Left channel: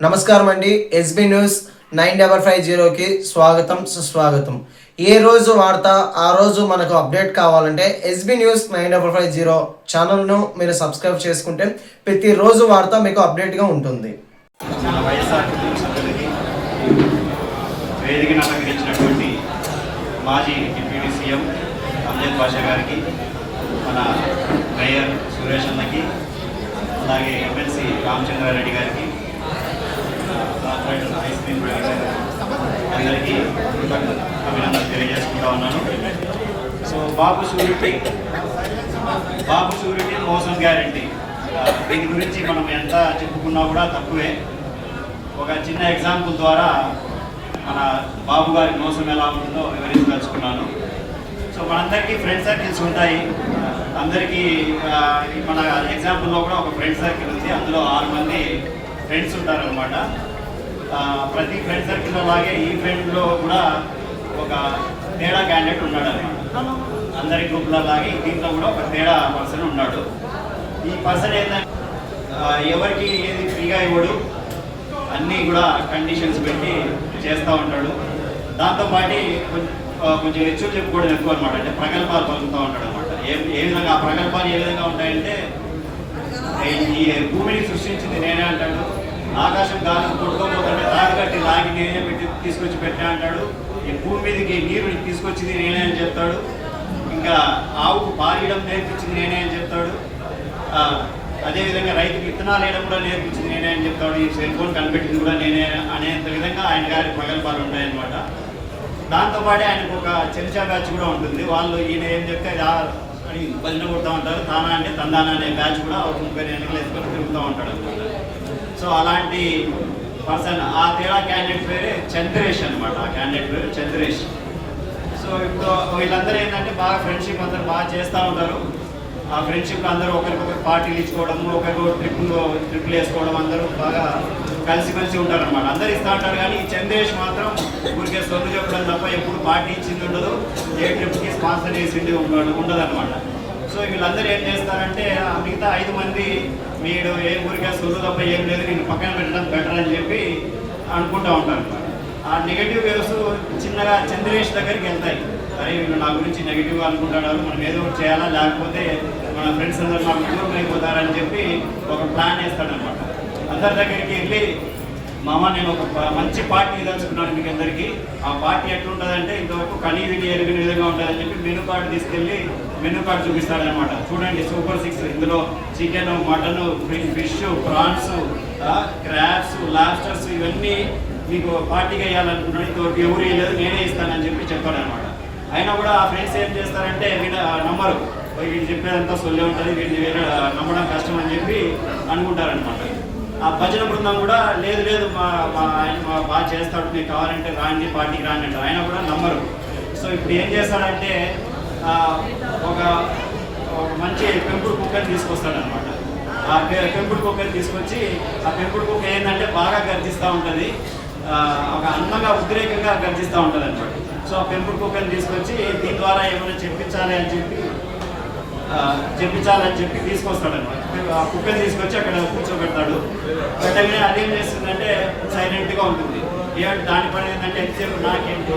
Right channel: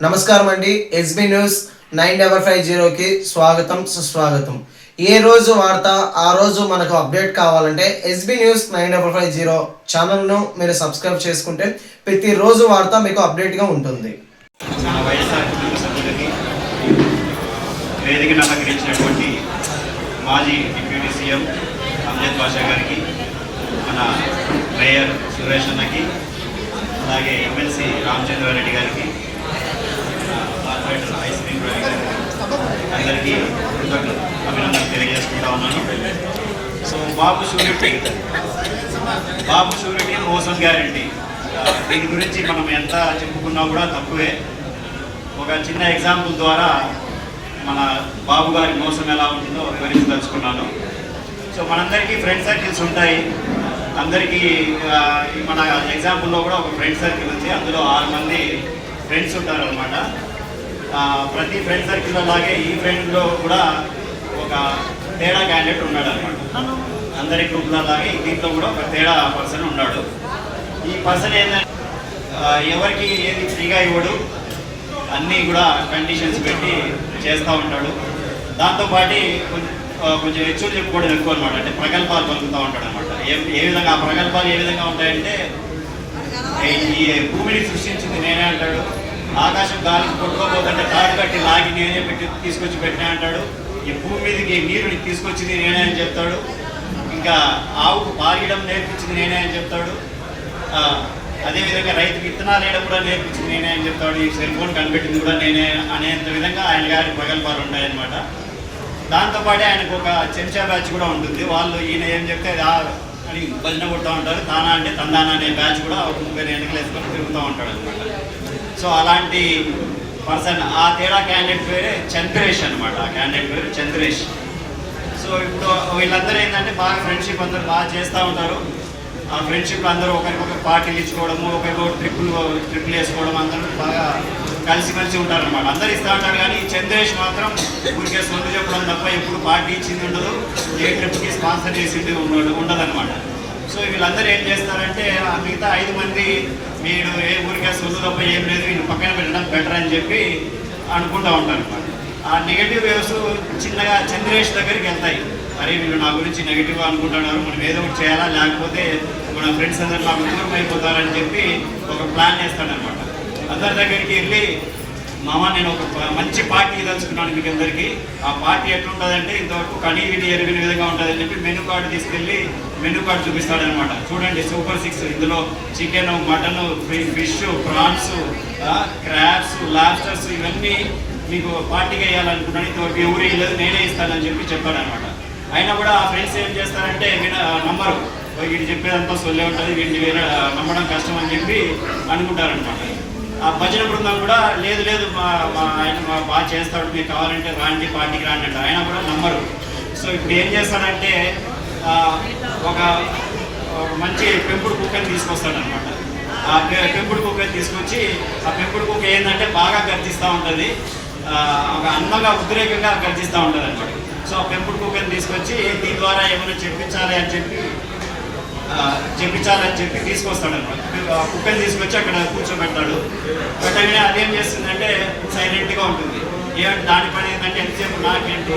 నమస్కారం అండి SB news nine double five జీరోకి స్వాగతం సుస్వాగతం. ఏ రోజు వార్త ఆ రోజు మనకు అప్డేట్ కావాలంటే SB news nine double five zero ఛానల్ను మీరు సబ్స్క్రైబ్ చేసుకుంటే ప్రతిరోజు వార్త మీకు అప్డేట్గా ఉంటుంది. మన వేదికను అలంకరించినటువంటి మాజీ డిప్యూటీ సీఎం అమ్జద్ బాషా గారికి మన మేయర్ సురేష్ అన్నకి అలాగే ఎమ్మెల్సీ రామచంద్రారెడ్డి గారికి అందరికీ కృతజ్ఞ తెలియజేసుకుంటా ఉన్నాను. So Babu surety Babu surety మోసం గ్యారంటీ. దీని గురించి మనం ఎంత చెప్పుకున్నా కూడా తక్కువే. ఒక చిన్న ఎగ్జాంపుల్ ద్వారా మన బాబు గారి మోసం ఎలా ఉంటుందో వివరించదలుచుకున్నాను. సో మనందరికీ ఫ్రెండ్ సర్కిల్స్ ఉంటాయి. అందరికీ మన ఎగ్జాంపుల్లో కూడా ఒక ఫ్రెండ్ సర్కిల్ ఉంది. అందులో ఆరు మంది ఫ్రెండ్స్ ఉంటారనమాట ప్రతి ఫ్రెండ్ సర్కిల్ అలాగే ఈ ఫ్రెండ్లో కూడా ఒక తేడా క్యాండిడేట్ ఉన్నాడు అనమాట అందరి గ్రూప్లో అలాగే దీంట్లో కూడా ఒక తేడా పర్సన్ ఉన్నాడు. ఈ పర్సన్ ఏంటంటే ఎవరికి ఏది ఫ్రీగా ఇవ్వడు అన్నీ కూడా కండిషన్స్ పెట్టి చేస్తూ ఉంటాడు. దాంతోపాటు కొంచెం కొంచెం హెచ్చు చెప్పుకోవడం ఎక్కువ అనమాట. అంటే ప్రగల్భాలు పలుకుతూ ఉంటాడు అనమాట ఏ ఏ విధంగా ఆ ప్రగల్భాలు ఏ విధంగా ఉంటాయంటే ఈ భూమిని సృష్టించింది నేనే అంటాడు. ఆకాశం గాలికి కొట్టుకోపోతుంటే తాడు కట్టి లాగి నేనే పెట్టి తీసుకొచ్చి పెట్టా అంటాడు. ఈ భూమి మీదకి నీరుని తీసుకొచ్చింది నేనే అని చెప్తాడు. ఇంకా ఆవుకు పారియడం నేర్పించింది నేనే అని చెప్తాడు. అదేవిధంగా రైతుకి విత్తనాలు వేయడం కూడా నేర్పించింది నేనే అని చెప్తాడు. ఈ సెల్ ఫోన్ కనిపెట్టింది కూడా నేనే అనేంత విధంగా ఆయన గారి ప్రగల్భాలు ఉన్నాయన్నమాట. దాంతోపాటే ఆయనకు ఒక చెంచా బ్యాచ్ కూడా ఉంటుంది. వాళ్ళు ఈయన ఏం చెప్తే అది అని భజన కొడుతూ ఉంటారు. తానా అంటే తందానా అనే బ్యాచ్ కూడా ఒక ముప్పై వెనకలు వేసుకొని తిరుగుతూ ఉంటాడు అనమాట సో అలాంటి పర్సన్ ఆ తేడా క్యాండిడేట్ పేరే చంద్రేష్ అనమాట ఆ క్యాండిడేట్ పేరు చంద్రేష్. సో ఇప్పుడు వీళ్ళందరూ ఏంటంటే బాగా ఫ్రెండ్షిప్ అందరూ బాగా చేస్తూ ఉంటారు. ఆ ఫ్రెండ్షిప్ అందరూ ఒకరికొకరు పార్టీలు ఇచ్చుకోవడము ఒకరికొకరు ట్రిప్పులు ట్రిప్పులు వేసుకోవడం అందరూ బాగా కలిసి కలిసి ఉంటారు అనమాట అందరు ఇస్తూ ఉంటారు కానీ చంద్రేష్ మాత్రం ఊరికే సొంత చెప్పడం తప్ప ఎప్పుడు పార్టీ ఇచ్చింది ఉండదు. ఏ ట్రిప్కి స్పాన్సర్ చేసింది ఉండదు ఉండదు అనమాట వీళ్ళందరూ ఏం చేస్తారంటే మిగతా ఐదు మంది మీరు ఏ ఊరికే సొల్లు తప్ప ఏం లేదు వీళ్ళు పక్కన పెట్టడం బెటర్ అని చెప్పి అనుకుంటూ ఉంటారు. ఆ నెగిటివ్ వేవ్స్ చిన్నగా చంద్రేష్ దగ్గరికి వెళ్తాయి. మరి వీళ్ళు నా గురించి నెగిటివ్గా అనుకుంటున్నారు మనం ఏదో ఒకటి చేయాలా? లేకపోతే మన ఫ్రెండ్స్ అందరూ నాకు దూరం అయిపోతారని చెప్పి ఒక ప్లాన్ వేస్తాడనమాట అందరి దగ్గరికి వెళ్ళి మామ నేను ఒక ప- మంచి పార్టీ దలుచుకున్నాను మీకు అందరికీ. ఆ పార్టీ ఎట్లుంటుందంటే ఇంతవరకు కనీవిటి ఎరిగిన విధంగా ఉంటుందని చెప్పి మెనూ కార్డు తీసుకెళ్ళి మెనూ కార్డు చూపిస్తాడనమాట. చూడండి సూపర్ సిక్స్. ఇందులో chicken mutton fish prawns crabs lobsters ఇవన్నీ మీకు పార్టీకి వేయాలనుకున్నాను ఇంతవరకు ఎవరు లేదు నేనే ఇస్తానని చెప్పి చెప్పాడనమాట. అయినా కూడా ఆ ఫ్రెండ్స్ ఏం చేస్తారంటే నమ్మరు. "ఓయ్ వీడు చెప్పేదంతా సొల్లే ఉంటుంది వీడిని వేరే నమ్మడం కష్టం అని చెప్పి అనుకుంటారనమాట. ఆ భజన బృందం కూడా లేదు లేదు మా మా ఆయన మా బాగా చేస్తాడు మీకు కావాలంటే రాండి పార్టీకి రాండి అంటే ఆయన కూడా నమ్మరు. సో ఇప్పుడు ఏం చేస్తాడంటే ఒక ఒక మంచి పెంపుడు కుక్కని తీసుకొస్తాడనమాట. ఆ పెంపుడు కుక్కని తీసుకొచ్చి ఆ పెంపుడు కుక్క ఏంటంటే బాగా గర్జిస్తూ ఉంటుంది. ఒక అందంగా ఉద్రేకంగా గర్జిస్తూ ఉంటుంది అనమాట సో ఆ పెంపుడు కుక్కని తీసుకొచ్చి దీని ద్వారా ఏమైనా చెప్పించాలి అని చెప్పి చెప్పించాలని చెప్పి తీసుకొస్తాడు అనమాట. ఆ కుక్కని తీసుకొచ్చి అక్కడ కూర్చోబెడతాడు. పెట్టగానే అదేం చేస్తుందంటే సైలెంట్గా ఉంటుంది. ఏమంటే దాని పని ఏంటంటే ఎంతసేపు నాకేంటి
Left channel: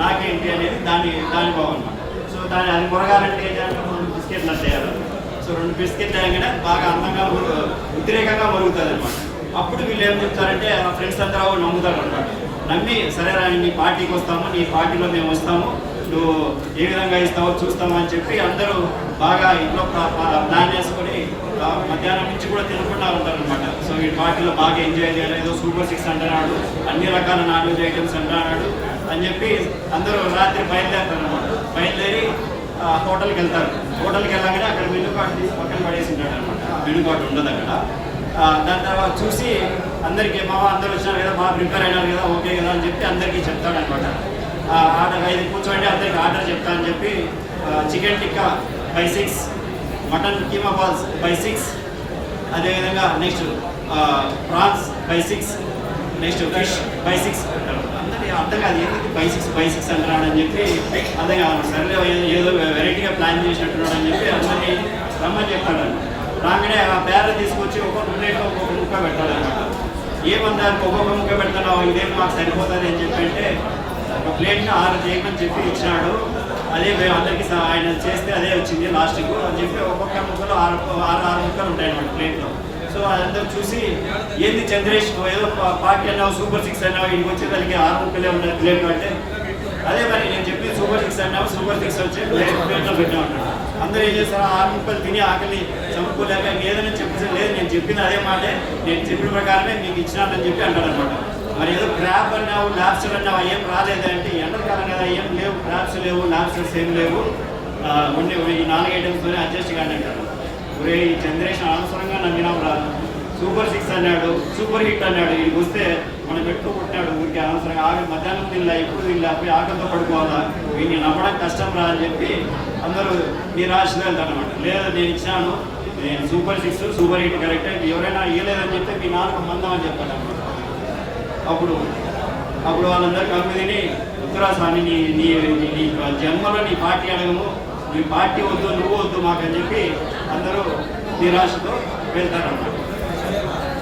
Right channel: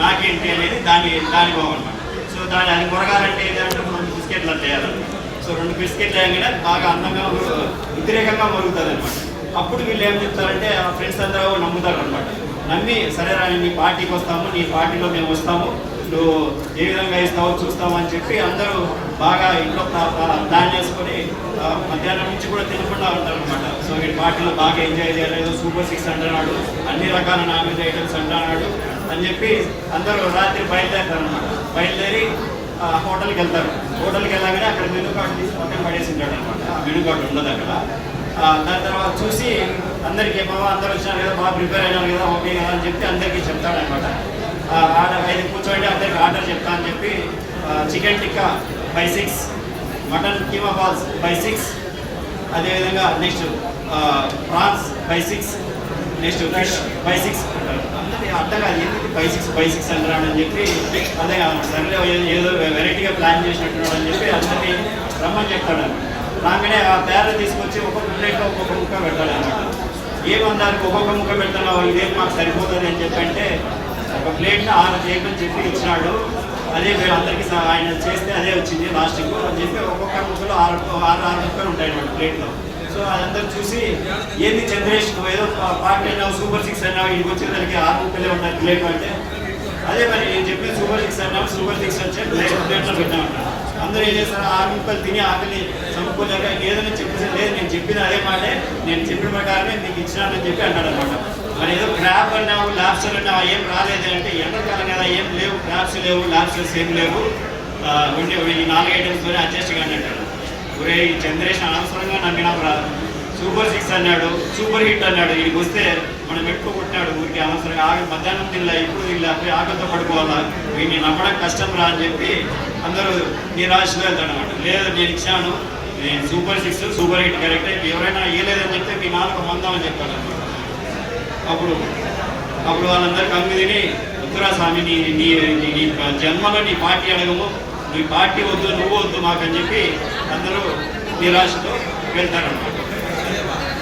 నాకేంటి అనేది దాని దాని బాగుంటుంది సో దాని అది కొరగాలంటే ఏంటంటే మనం బిస్కెట్లు చేయాలి. సో రెండు బిస్కెట్లు వేయగానే బాగా అందంగా ఉ- ఉద్రేకంగా అనమాట. అప్పుడు వీళ్ళు ఏం చెప్తారంటే ఆ ఫ్రెండ్స్ అందరూ నమ్ముతారు అనమాట. నమ్మి సరే రా నీ పార్టీకి వస్తాము నీ పార్టీలో మేము వస్తాము. నువ్వు ఏ విధంగా ఇస్తావో చూస్తామని అని చెప్పి అందరూ బాగా ఇంట్లో ప్లాన్ చేసుకొని మధ్యాహ్నం నుంచి కూడా తినకుండా ఉంటారు అనమాట సో ఈ పార్టీలో బాగా ఎంజాయ్ చేయలేదు. సూపర్ సిక్స్ అంటున్నాడు. అన్ని రకాల నాన్ వెజ్ ఐటమ్స్ అంటున్నాడు అని చెప్పి అందరూ రాత్రి బయలుదేరుతారు అనమాట బయలుదేరి హోటల్కి వెళ్తారు. హోటల్కి వెళ్ళగానే అక్కడ మెనూ కార్డు తీసి పక్కన పడేసి ఉంటాడు అనమాట ఆ మెనూ కార్డు ఉండదు అక్కడ. దాని తర్వాత చూసి అందరికీ మా అందరూ వచ్చినారు కదా బాగా ప్రిపేర్ అయినారు కదా ఓకే కదా అని చెప్పి అందరికీ చెప్తాడనమాట ఆర్డర్ ఐదు కూర్చోండి అందరికి ఆర్డర్ చెప్తా అని చెప్పి chicken tikka by six mutton keema balls by six అదేవిధంగా next prawns by six next fish by six అంటారు. అందరి అర్థం కాదు ఏంటంటే బై సిక్స్ బై సిక్స్ అంటారు అని చెప్పి అదే సరే ఏదో వెరైటీగా ప్లాన్ చేసినట్టున్నాడు అని చెప్పి అందరినీ రమ్మని చెప్తాడు. రాగానే ఆ పేర తీసుకొచ్చి ఒక్కొక్క ప్లేట్లో ఒక్కొక్క ముక్క పెడతాడు అనమాట ఏమన్నారు ఒక్కొక్క ముక్క పెడుతున్నావు ఇదేం మాకు సరిపోతుంది అని చెప్పి అంటే ఒక ప్లేట్ని ఆరు చేయమని చెప్పి ఇచ్చినాడు. అదే మేము అందరికీ ఆయన చేస్తే అదే వచ్చింది లాస్ట్కి అని చెప్పి ఒక్కొక్క ముక్కలు ఆరు ఆరు ఆరు ముక్కలు ఉంటాయి అన్నమాట ప్లేట్లో. సో అదంతా చూసి ఏంది చంద్రేష్ ఏదో పార్టీ అన్నావు సూపర్ సిక్స్ అన్నావు ఇంటికి వచ్చేదానికి ఆరు ముక్కలే ఉన్నాయి ప్లేట్ అంటే. అదే మరి నేను చెప్పి సూపర్ సిక్స్ అన్నాము సూపర్ సిక్స్ వచ్చి ప్లేట్ ప్లేట్లో పెట్టామంట. అందరూ ఏం చేస్తారు? ఆరు ముక్కలు తిని ఆకలి చంపుకోలేక ఏదైనా చెప్పేసి లేదు నేను చెప్పిన అదే మాటే నేను చెప్పిన ప్రకారమే నీకు ఇచ్చినానని చెప్పి అంటాడు అనమాట మరి ఏదో క్రాప్ అన్నావు ల్యాబ్స్ అన్నావు ఏం రాలేదు అంటే ఎండాకాలం కదా ఏం లేవు క్రాప్స్ లేవు ల్యాబ్స్ ఏం లేవు. ఉండే ఈ నాలుగు ఐటమ్స్తోనే అడ్జస్ట్ కానీ అంటాడు ఒరే ఈ చంద్రేష్ అనవసరంగా నమ్మినాం రాదు సూపర్ సిక్స్ అన్నాడు సూపర్ హిట్ అన్నాడు. వీడికి వస్తే మనం ఎక్కువ కొట్టినాడు ఊరికి అనవసరంగా. ఆకలి మధ్యాహ్నం తిల్లా ఎక్కువ తిల్లా పోయి ఆకలితో పడుకోవాలా? వీడిని నమ్మడం కష్టం రా అని చెప్పి అందరూ నిరాశలో వెళ్తాడు వెళ్తానమాట లేదు నేను ఇచ్చాను నేను super six super hit correct. ఎవరైనా ఇవ్వలేదని చెప్తే మీ నాలుగు మందం అని చెప్పాడు అనమాట అప్పుడు అప్పుడు వాళ్ళందరూ కమ్మి తిని రుద్రాస్వామి నీ నీ నీ- జన్మలో నీ పార్టీ అడగము. నీ పార్టీ వద్దు నువ్వు వద్దు మాకని చెప్పి అందరూ నిరాశతో వెళ్తారన్నమాట.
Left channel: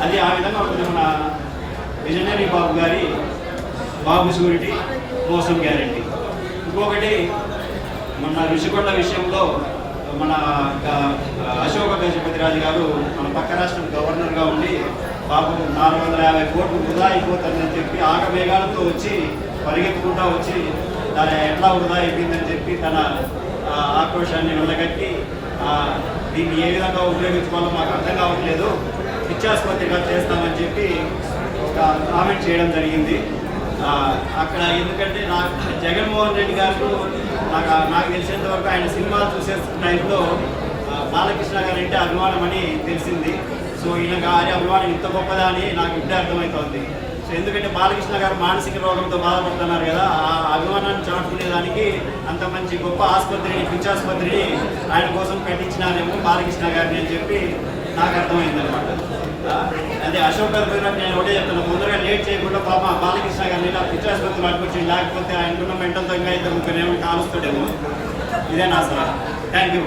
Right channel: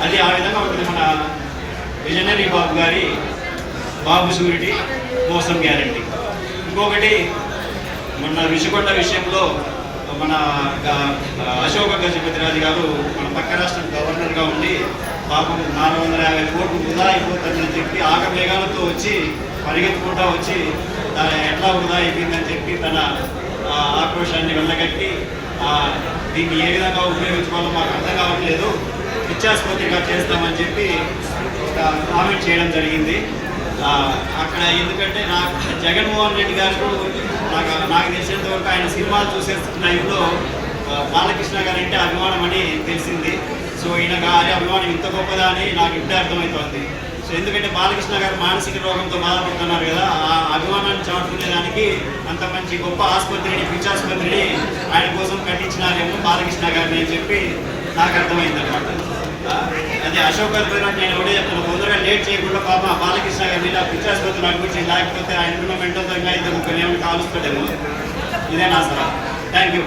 అది ఆ విధంగా ఉంటుంది మన విజనరీ బాబు గారి బాబు సూరిటీ మోసం గ్యారంటీ. ఇంకొకటి మన ఋషికొండ విషయంలో మన గ- అశోక గజపతిరాజు గారు మన పక్క రాష్ట్రం గవర్నర్గా ఉండి పాపం నాలుగు వందల యాభై కోట్లు వృధా అయిపోతుందని చెప్పి ఆగమేఘాలతో వచ్చి పరిగెత్తుకుంటా వచ్చి దాని ఎట్లా వృధా అయిపోయిందని చెప్పి తన ఆక్రోషాన్ని ఆక్రోశాన్ని వెళ్ళగట్టి దీన్ని ఏ విధంగా ఉపయోగించుకోవాలో మాకు అర్థం కావట్లేదు. పిచ్చాసుపత్రిగా చేస్తామని చెప్పి ఒక కామెంట్ చేయడం జరిగింది. అక్కడ ఎందుకంటే నాకు జగన్మోహన్ రెడ్డి గారు నాకు నాకు తెలిసినంత వరకు ఆయన సినిమాలు చూసే టైంలో బాలకృష్ణ గారు అంటే అభిమానం అని తెలిసింది. సో ఈయన గారి అభిమానం ఇంత గొప్పదా అని నాకు ఇప్పుడే అర్థమవుతోంది సో ఎందుకంటే బాలకృష్ణ గారు మానసిక రోగంతో బాధపడుతున్నారు కదా ఆ అభిమానాన్ని చాటుకునేదానికి అంత మంచి గొప్ప ఆసుపత్రిని పిచ్చాసుపత్రిని ఆయన కోసం కట్టించినారేమో బాలకృష్ణ గారిని అని చెప్పి నాకు అర్థమైంది అనమాట అదే అశోక్ గజపతిరాజు నేను ఒకటే చెప్తాను తొందరగా లేట్ చేయకుండా పాప బాలకృష్ణ గారిని ఇలా పిచ్చాసుపత్రిని పంపించి లేకపోతే ఆయనకున్న మెంటల్ తగ్గ అయితే ముగ్గురు ఏమైనా కాలుస్తాడేమో. ఇదే నా సలహా. Thank you